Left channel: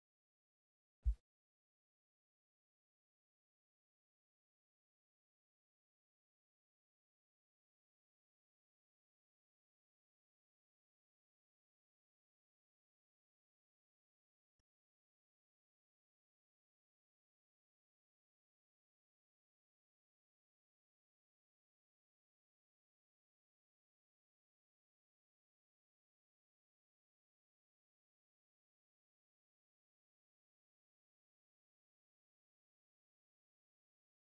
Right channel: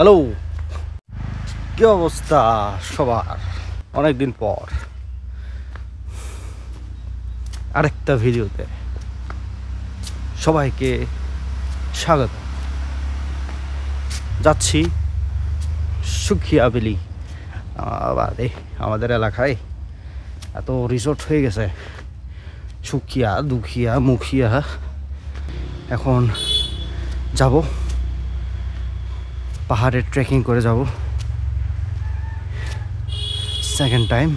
Hello, কি অবস্থা সবার? অনেকদিন পর আরেকটা ভিডিওতে সবাইকে স্বাগত। যাচ্ছি সুখিয়া ভ্যালি। আমাদের এলাকায় এত রিসোর্ট হয়ে গেছে, সুখিয়া, দুখিয়া, মুখিয়া। এখন যাব, পাহাড়ে ট্রেকিং করে যাব, second time.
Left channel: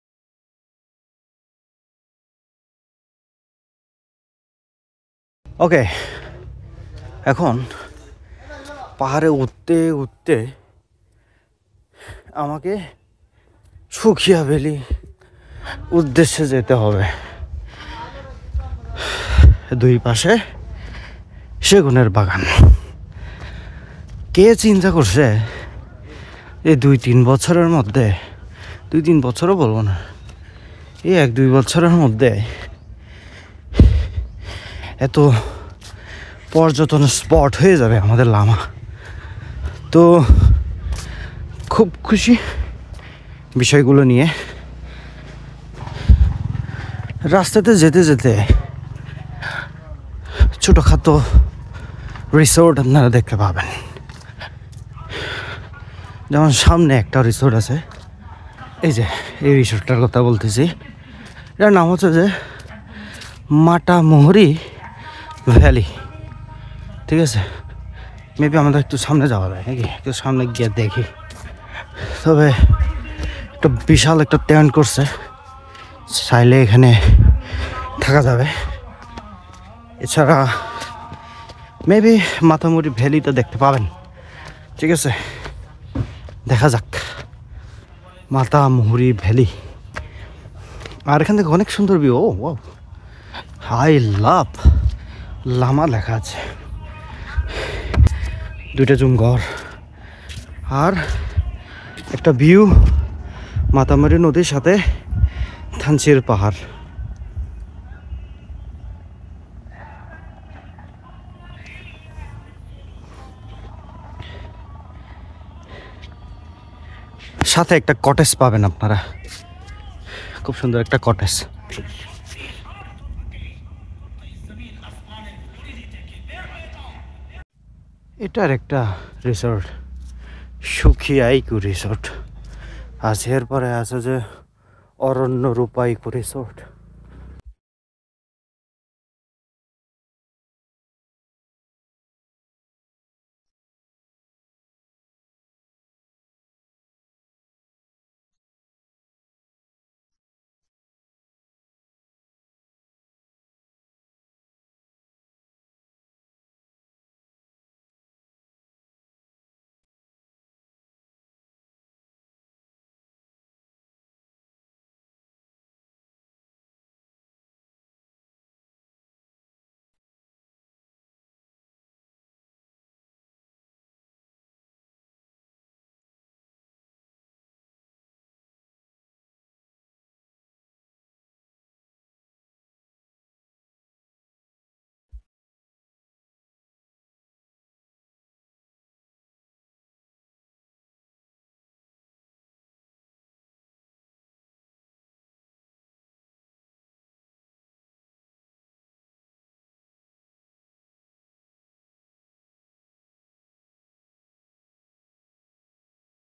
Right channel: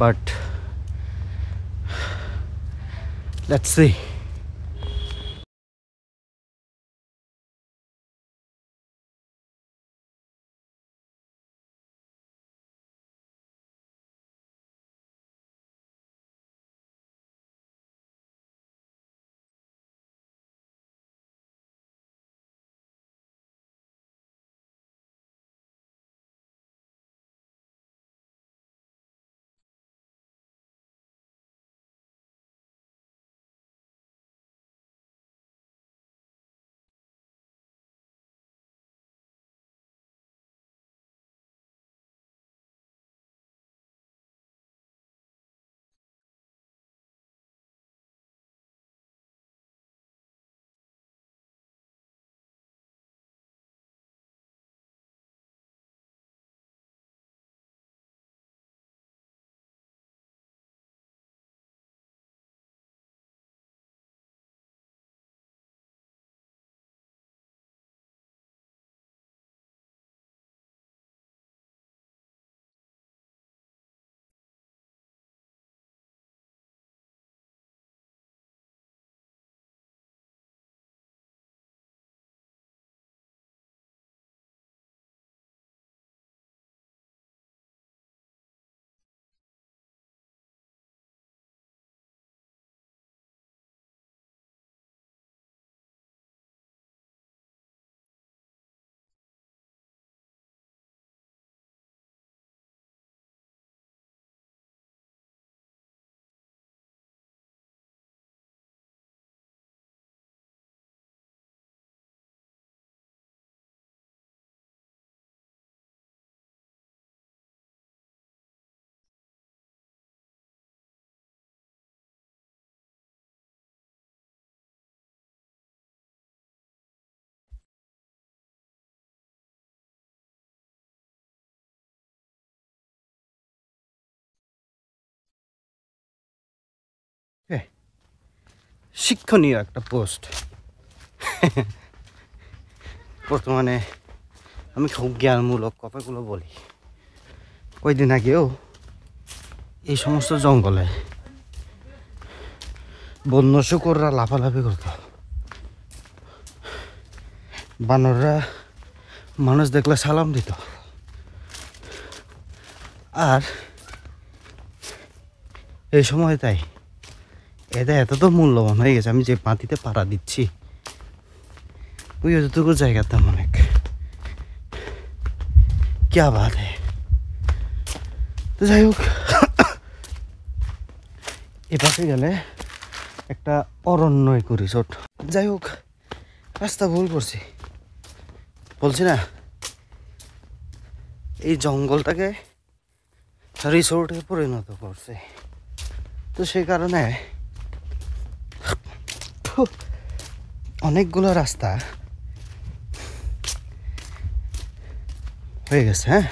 But let's see. Okay, এখন পাহাড়ে উঠতে উঠতে আমাকে সুখিয়া ভ্যালি উদ্দেশ্যে যেতে হবে। দুই পাশে সেগুনের বাগান। কে চিন্তা করছে এই 2-3 বছরের মধ্যে, 2-3 বছরও বলবো না, এই 1-2 বছরের মধ্যে এত পর্যটন স্পট হয়ে যাবে আমাদের লামা। তো খুব খুশি বিষয়গুলো নিয়ে। রাস্তাতে যেতে যেতে ছোটোখাটো রিসোর্ট আপনারা দেখতে পাবেন। যেমন সামনে একটা রিসোর্ট আছে, এই যে এই রিসোর্টটার কথা বলতেছি। এটার নাম হচ্ছে যে মাতামুহুরি ভ্যালি। ঠিক আছে, মেবি আমাদের একটু সামনে যাওয়া যায় নাকি, একটু সামনে গিয়ে দেখি। তবে একটা বিশাল একটা টেন্ট করছে, চাইলে এখানে থাকা যাবে। এছাড়া মেবি মাতামুহুরি ভ্যালিটা দেখতে পাবেন। ঠিক আছে, দেখা যাক মাতামুহুরি ভ্যালি। আর এখান থেকে অনেক সুন্দর view. Oh I love Lama লেখা আছে, 2টা জুম ঘর আর একটা ভিউ মাতামুহুরি নদীর সাথে থানচির পাহাড়। সাথে একটা কটেজ পাবেন আপনারা, খুব সুন্দর একটা কটেজ। এটার একটা রিসোর্ট, সুখিয়া ইকো রিসোর্ট আছে। এরপরে আছে যে অরণ্য রূপা ইকো রিসোর্ট। শিক্ষণীয় একটা পোস্ট। বর্তমানে আমি খুব জ্ঞানমূলক কথাগুলো বলি। কয়েকদিন আগেও এই সমস্ত জঙ্গলে বন্য শুকররা লাফালাফি করত, বানররা মানুষ দেখলে সালাম দিত। আর এই সময় তাই এটা এত তো মূল্যবান হয়ে গেছে, আমি যে মাটিতে পাড়া দিচ্ছি ওই যতটুকু জায়গার দাম অনেক। ক্যা বাত হ্যায়। তো যাই হোক, এপাশে গেলে একটা অরণ্য ইকো রিসোর্ট। যাই হোক, রাস্তা ভুল করছি, বলছি না এই জঙ্গলটাকে রিসোর্টে পরিণত করছে। তো সেই কারণে অনেকগুলো রাস্তা হয়ে গেছে। হ্যাঁ,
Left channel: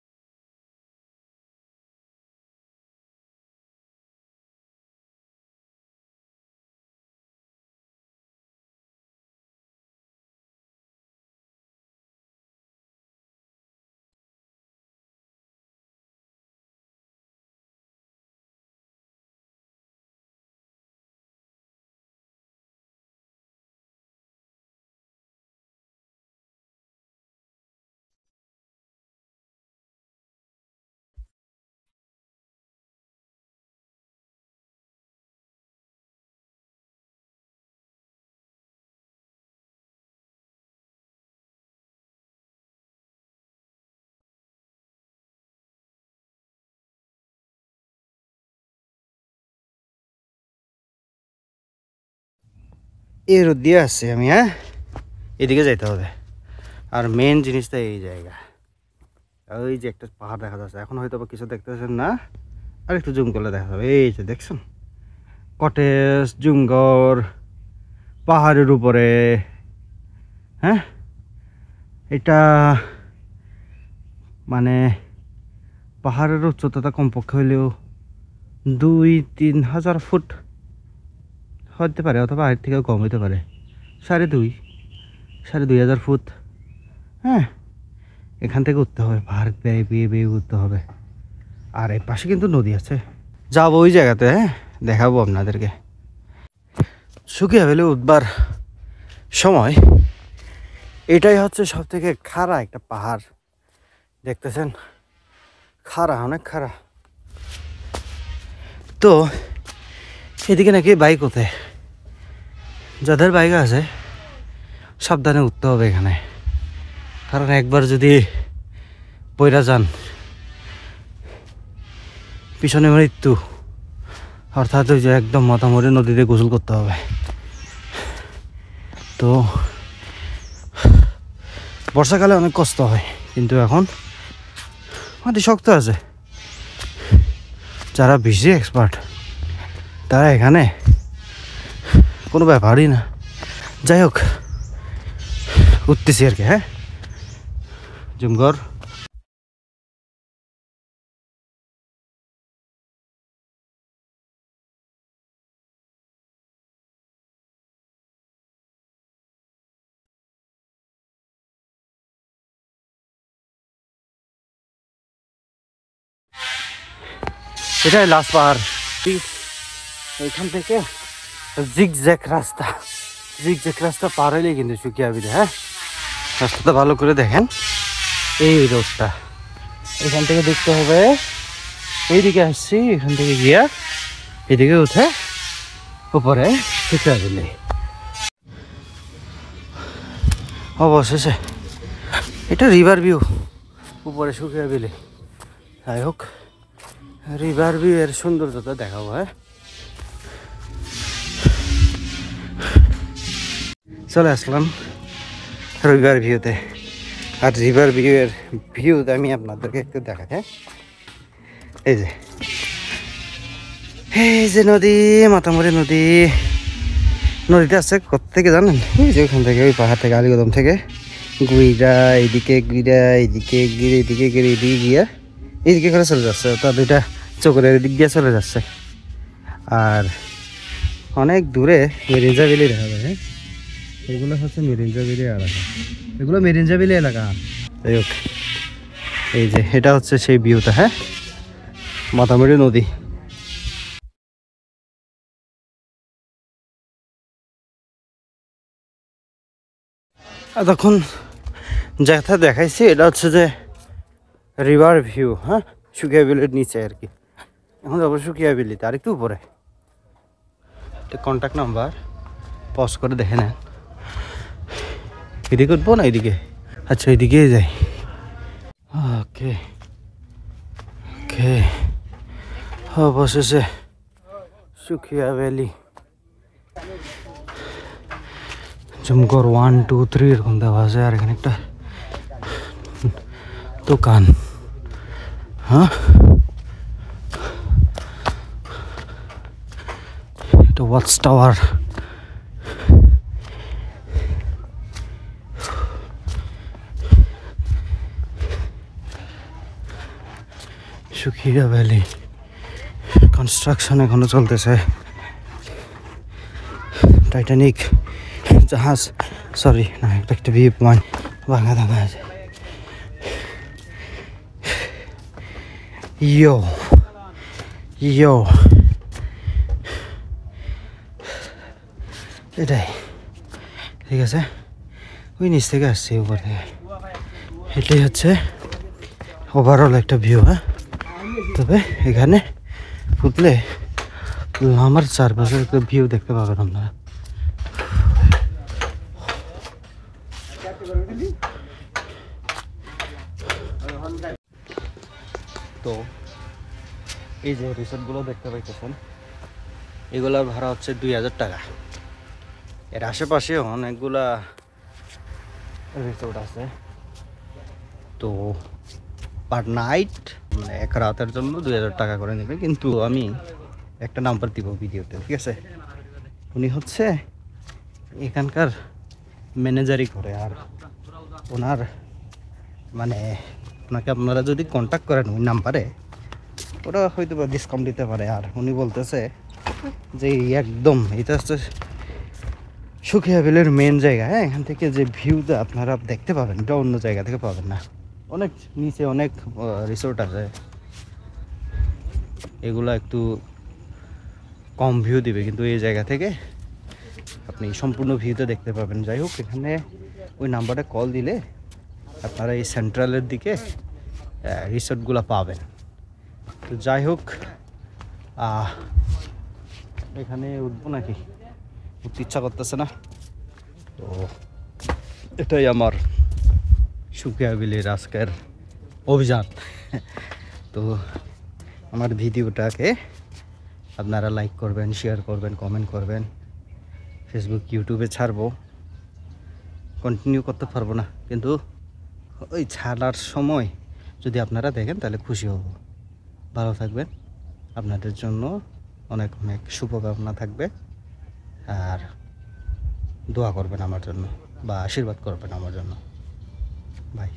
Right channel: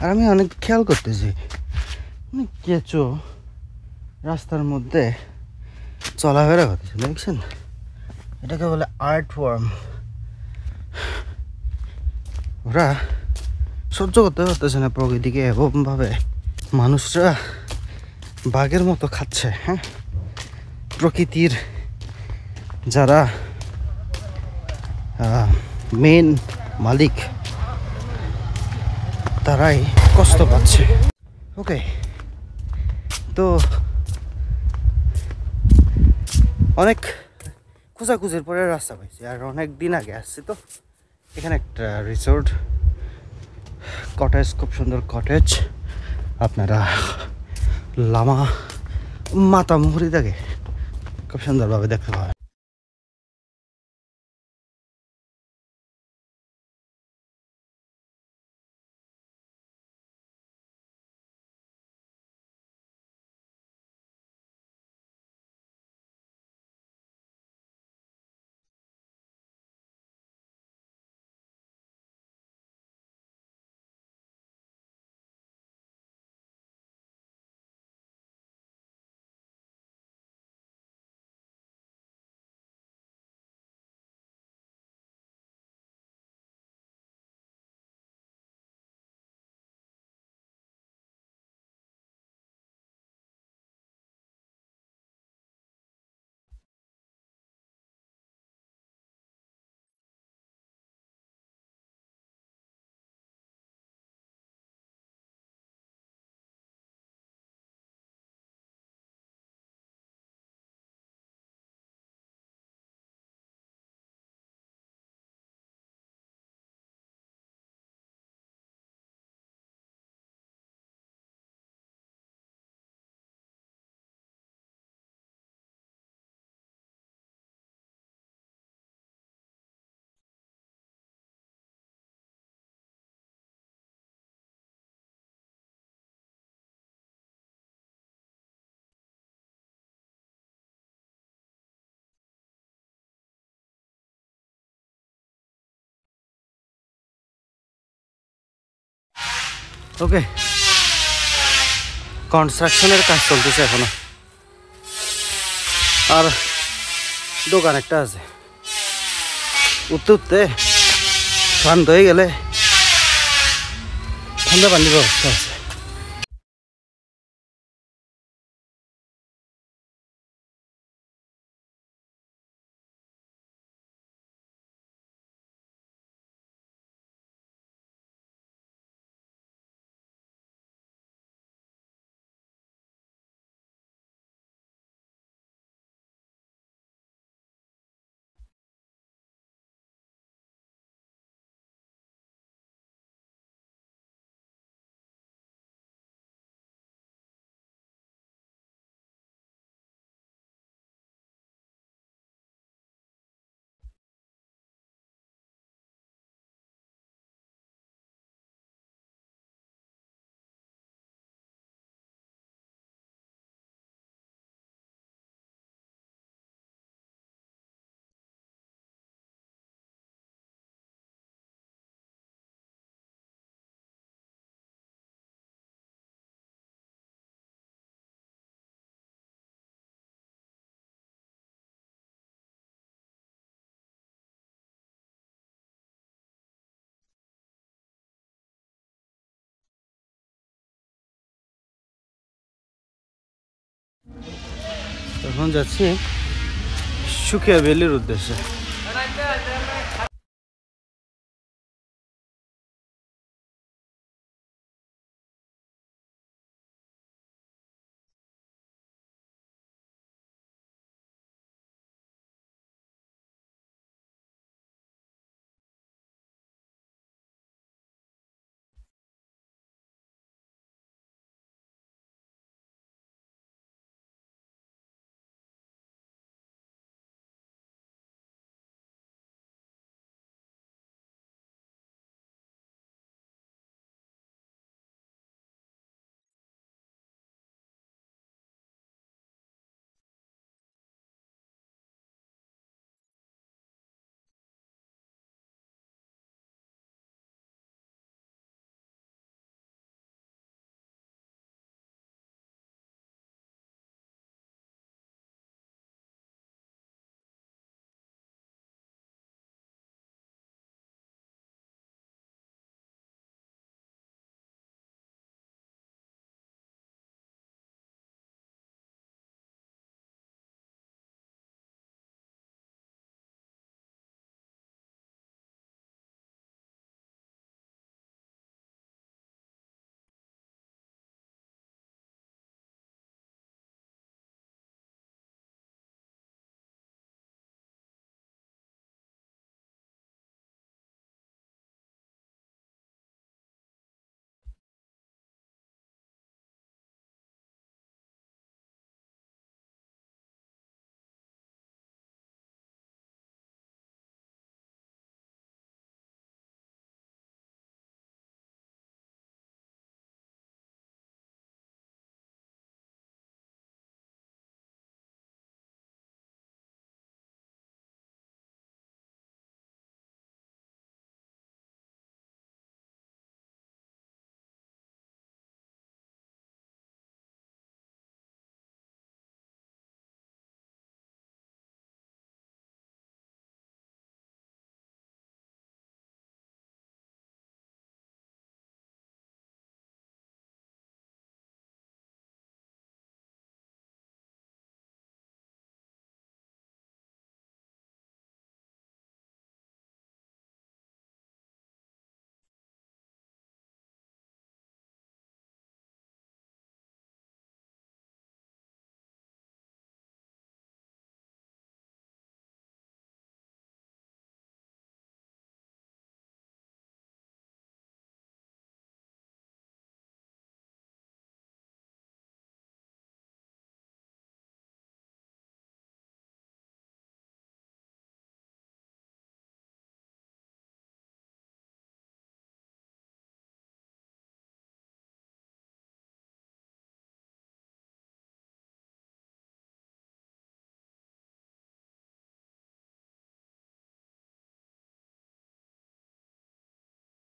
আর আমি অনেক খেয়াল করতেছি অনেক কেঁচো রাস্তার মধ্যে চলাফেরা করতেছে, দেখছেন? এটাকে বলে আর্ট ওয়ার্ম। ওরা সহ্য করতে পারতেছে না প্রকৃতিকে, এরকমভাবে মানুষরা বাঘের মতো খাচ্ছে। হ্যাঁ, প্রকৃতির যারা মেন মালিক তারাই কষ্ট পাচ্ছে। ওকে, তো অনেক খোঁজাখুঁজির পরে রাস্তা পাইছি, আর অনেক দিন আগে আসছি। তো এখানে একটা রিসোর্ট, কটেজ, খুব সুন্দর কটেজ। আপনারা লামা মাতামুহুরি থেকে খুব সুন্দরভাবে দেখতে পাবেন। এর দিয়ে আসছি আমি। হ্যাঁ, এদিকে যাইতে হবে। আর মেন জিনিসটা এই জায়গা, ওই যে একটা পাহাড় দেখা যাচ্ছে, এখন হয়তো বা কিছু দেখতেছেন না, আর একটু জুম করলে দেখা যাবে। এই যে দেখছেন কটেজ জুমঘর পাহাড়ের উপরে। হ্যাঁ, এটা মানে পাহাড়ের উচ্চতা কমপক্ষে হইলেও 2-3 হাজার ফুট হতে পারে, অথবা এর থেকেও কম হতে পারে, 2.5 হাজার ফুট। হ্যাঁ, এখান থেকে উঠতে হবে, পাহাড় বেয়ে বেয়ে বেয়ে উঠতে হবে। আর এই পাশে কিন্তু নদী আছে, যাবো ওই জায়গাতে। হ্যাঁ, দেখাবো আপনাদেরকে। সুকিয়া ভ্যালি উঠবার সময় এটাই হচ্ছে সব থেকে খাড়া একটা পাহাড়, দেখতেছেন খাড়া, অনেক খাড়া। তো এদিকে নাকি বাইক ওঠে, যাদের বাইক আছে সাবধানে উঠতে হবে এখানে, কারণ একবার যদি পয়রা যান পিছনে মৃত্যু, অর্থাৎ ওই যে একদম মাথামরি নদীতে গোসল করতে হবে। তো বর্ষাকালে অনেক কষ্ট হয়, কিন্তু এখন মাটি শক্ত আছে, যারা বেশি এক্সপার্ট তারা এখানে কোনো ব্যাপারই না। যাই হোক, উঠতেছি আর কি। হ্যাঁ, জুমঘর। ওকে, কনস্ট্রাকশনের কাজ চলতেছে এখনো, আর দোকান একটা আছে। উঠতে উঠতে ক্লান্ত হয়ে গেলে ঠান্ডা পানির ব্যবস্থা আছে। এটাই লাস্ট পাহাড়, এইখান থেকে জিগজ্যাগ রাস্তা পার হইলে কিন্তু সুকিয়া ভ্যালি। হ্যাঁ, রাস্তাটা ভালো করে দেখেন, এই রোডটা এখান থেকে দেখতে হবে। এইদিকে আসছি, এখান থেকে গিয়া এদিকে উঠে উপরে সুকিয়া ভ্যালি। অবশেষে এটা রিভার ভিউ, উপরে সুকিয়া ভ্যালি। যাই হোক, রিভার ভিউ এর সৌন্দর্যতা দেখাবো। হ্যাঁ, চলে আসলাম রিভার ভিউতে, আর রিভার ভিউয়ের ভিউ আমি আপনাদেরকে একটু দেখাই। হ্যাঁ, এই যে নদী, মাতামরি নদী। নদীটা আছে কোত্থেকে জানেন? এই যে ওইখান থেকে, ওই পাহাড় থেকে, আলীকদম থেকে গুইরা এইদিকে, এইদিকে গিয়া এইদিকে করে চলে যাচ্ছে। তার দুইটা চোখের দিক দিয়ে চলে যাচ্ছে। আর অনেক দূরে মেরিঞ্জা ভ্যালি দেখা যায়। হ্যাঁ, এগুলো হচ্ছে মেরিঞ্জা ভ্যালি এলাকা, এগুলো মেরিঞ্জা ভ্যালি এলাকা। যাই হোক, এই যে এটা হচ্ছে সেই ভিউটা। হ্যাঁ, মাতামরি নদী। এখন যাচ্ছি সুকিয়া ভ্যালির উদ্দেশ্যে। তখন যেটা দেখাইছি এটা হচ্ছে যে রিভার ভিউ। হ্যাঁ, সুকিয়া ভ্যালির নিচে আর কি। এখন যাবো সুকিয়া ভ্যালিতে, আর একটু উপরে। কন্ট্যাক্ট নাম্বার পজ করে দেখে নেন। এদিকে উঠবো না এদিকে? আচ্ছা, এদিকে যাই। ওকে ওকে, অবশেষে সুকিয়া ভ্যালি। জুমঘর 1, 2, 3 এরকম দেওয়া আছে। আর এখানে একটা দোকান। হ্যাঁ, এটা watch tower. Sukia valley construction এখনো চলতেছে। টাইটানিক জাহাজ, সরি না, একটা ভিউ পয়েন্ট ভাঙা ভাঙা আছে। ইয়ো ইয়ো, এটাই ঠিক আছে। ওই নিচ থেকে আসছি, উপর থেকে। এটাই হচ্ছে ওভারঅল একটা ভিউ। হ্যাঁ, তবে এখানে উঠলে আমার চারপাশের একটা ভিউ দেখতে পাবেন আপনারা। তো এই যে রিসোর্টগুলো দেখতে পাইতেছেন, এগুলার ভাড়া হচ্ছে 2000 টাকা। এর আশেপাশে অনেকগুলা রিসোর্ট আছে। তো পার নাইট মানে এক রাতের জন্য 2000 টাকা করে নেবে, কিন্তু আমি একটা নাম্বার দিব ভিডিওতে, ঠিক আছে? উনি হচ্ছে এখানকার ম্যানেজারই করে, আর ওনার মানে ওনাকে আপনারা যদি কন্ট্যাক্ট করেন ওই নাম্বারে, ওরা হয়তো বা ডিসকাউন্ট দিতে পারে। আর উনি বলতেছে যে একদম এটা হচ্ছে সুখিয়া বিলের মেন জায়গা। হ্যাঁ, এখান থেকে যে ভিউটা আপনারা দেখতে পাবেন এটা অন্য জায়গা থেকে পাবেন না। অনেক নিচে অনেক রিসোর্ট আছে, এগুলো একটু কম ভিউ দিবে, কিন্তু এই জায়গা থেকে আপনি সম্পূর্ণ ভিউতে দেখতে পাবেন। যাই হোক, এখানে ওই নাম্বারে কল দিলে আপনারা এই সেন্ট্রালের দিকে রিসোর্টগুলো পাবেন। তো যাই হোক, এখানে উঠবো নাকি, উঠতে ইচ্ছা করতেছে না। তো এটাই আমার সুখিয়া বিলের আজকের অভিযান। তো আমার ভিডিওটাকে আপনারা লাইক করবেন, শেয়ার করবেন, কমেন্ট করবেন। ফেসবুক, ইউটিউবে ছাড়বো, কন্টিনিউ করতে পারবো না, কিন্তু ওই ছাড়ার সময় যদি আপনারা দেখেন তাহলে খুশি হব। ভালো থাকবেন, আপনাদের জন্য অনেক অনেক শুভকামনা থাকবে, আর দোয়া করবেন আমার জন্য বা আশীর্বাদ করবেন আমার জন্য। বাই।